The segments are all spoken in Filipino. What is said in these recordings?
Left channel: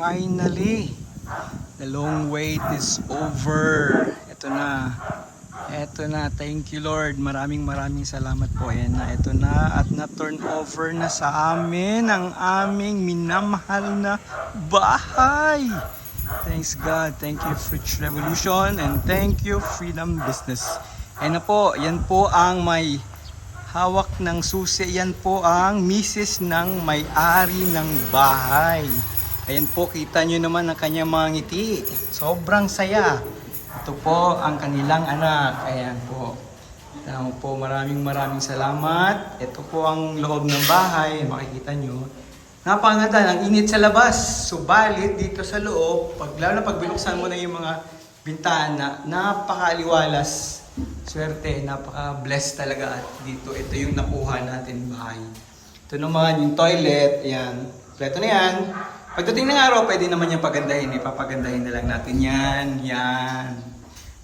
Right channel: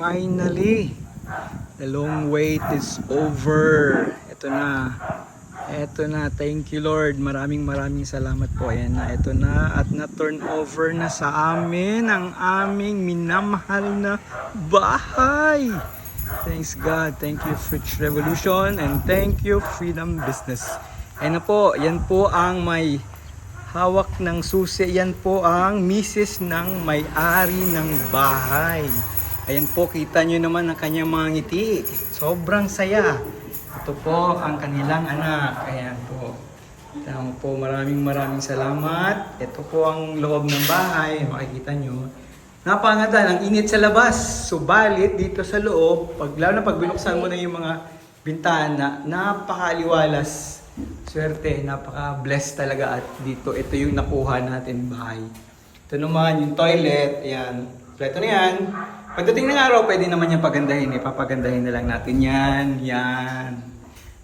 Finally, the long wait is over. Ito na. Ito na. Thank you Lord. Maraming salamat po. Ayan na. Ito na. At na-turn over na sa amin ang aming minamahal na bahay. Thanks God. Thank you Fridge Revolution. And thank you Freedom Business. Ayan na po. Yan po ang may hawak ng susi. Yan po ang misis ng may-ari ng bahay. Ayan po, kita nyo naman ang kanyang mga ngiti. Sobrang saya. Ito po ang kanilang anak. Ayan po. Tama po, maraming salamat. Ito po ang loob ng bahay. Makikita nyo. Napakaganda, ang init sa labas. Subalit dito sa loob, lalo na pag binuksan mo na yung mga bintana, napakaliwalas. Swerte, napaka-blessed talaga. At dito, ito yung nakuha natin bahay. Ito naman yung toilet. Ayan. Ito na yan. Pagdating ng araw, pwede naman yung pagandahin. Ipapagandahin na lang natin yan. Yan.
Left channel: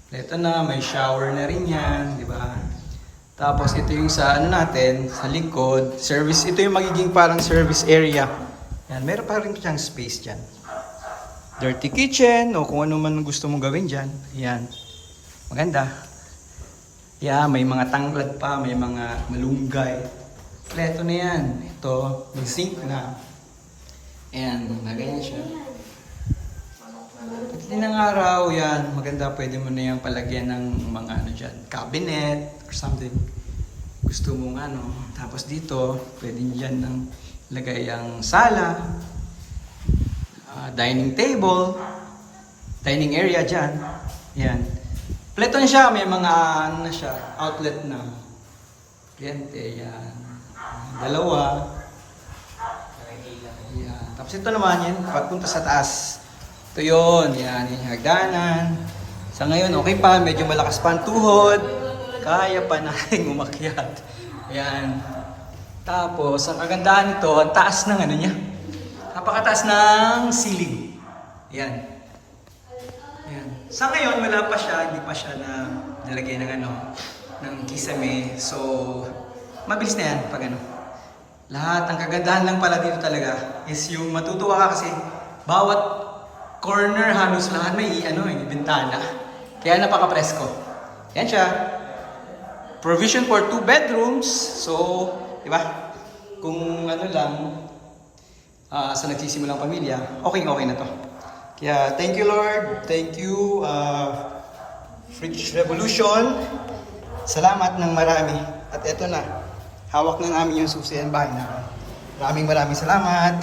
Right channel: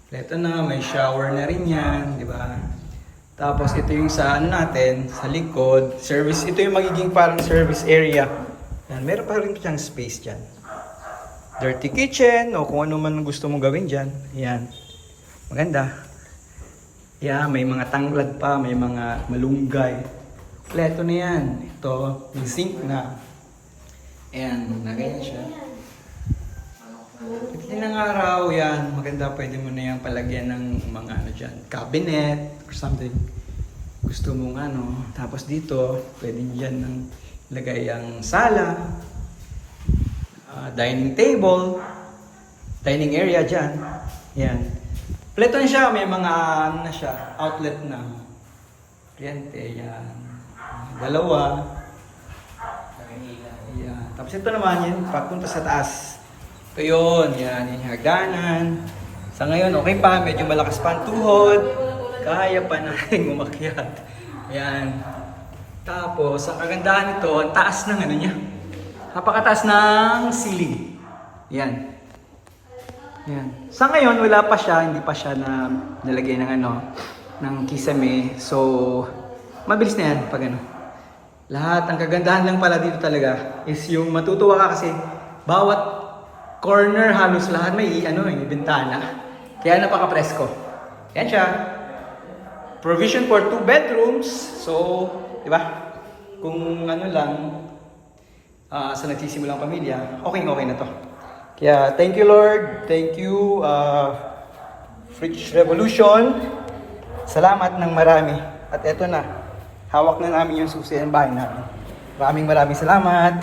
Ito na, may shower na rin yan. Diba? Tapos ito yung sa ano natin, sa likod. Service, ito yung magiging parang service area. Yan, meron pa rin siyang space dyan. Dirty kitchen, o kung ano man gusto mong gawin dyan. Yan. Maganda. Yan, may mga tanglad pa, may mga malunggay. Kompleto na yan. Ito, may sink na. Ayan, ganyan siya. Pagdating ng araw, yan, maganda, pwede mo na yung palagyan ng mga ano dyan, cabinet or something. Gusto mong ano, tapos dito, pwede dyan ng lagay ang sala, dining table, dining area dyan. Yan. Pleto na siya, may mga ano na siya, outlet na. Kuryente, yan. Dalawa. Yan. Tapos ito naman yan, pagpunta sa taas. Ito yun, yan, yung hagdanan. Sa ngayon, okay pa, medyo malakas pa ang tuhod. Kaya pa natin umakyat. Ayan. Tapos, ang kagandahan nito, ang taas ng ano niya. Napakataas ng ceiling. Yan. Yan. Sa ngayon, wala pa siya, hindi pa siya na nalagay ng ano, ng kisame. So, mabilis na yan pag ano. Lahat, ang kagandahan lang pala dito talaga is yung matutuwa ka kasi bawat corner halos lahat may bintana. Kaya napaka-presko. Yan siya. Provision for 2 bedrooms. So, di ba? Kung ano lang, sa nagsisimulang pamilya, okay na to. Kaya, thank you Lord. Thank you, Fridge Revolution. Salamat ng marami. At eto na. Hawak na namin yung susi ng bahay namin. Maraming salamat.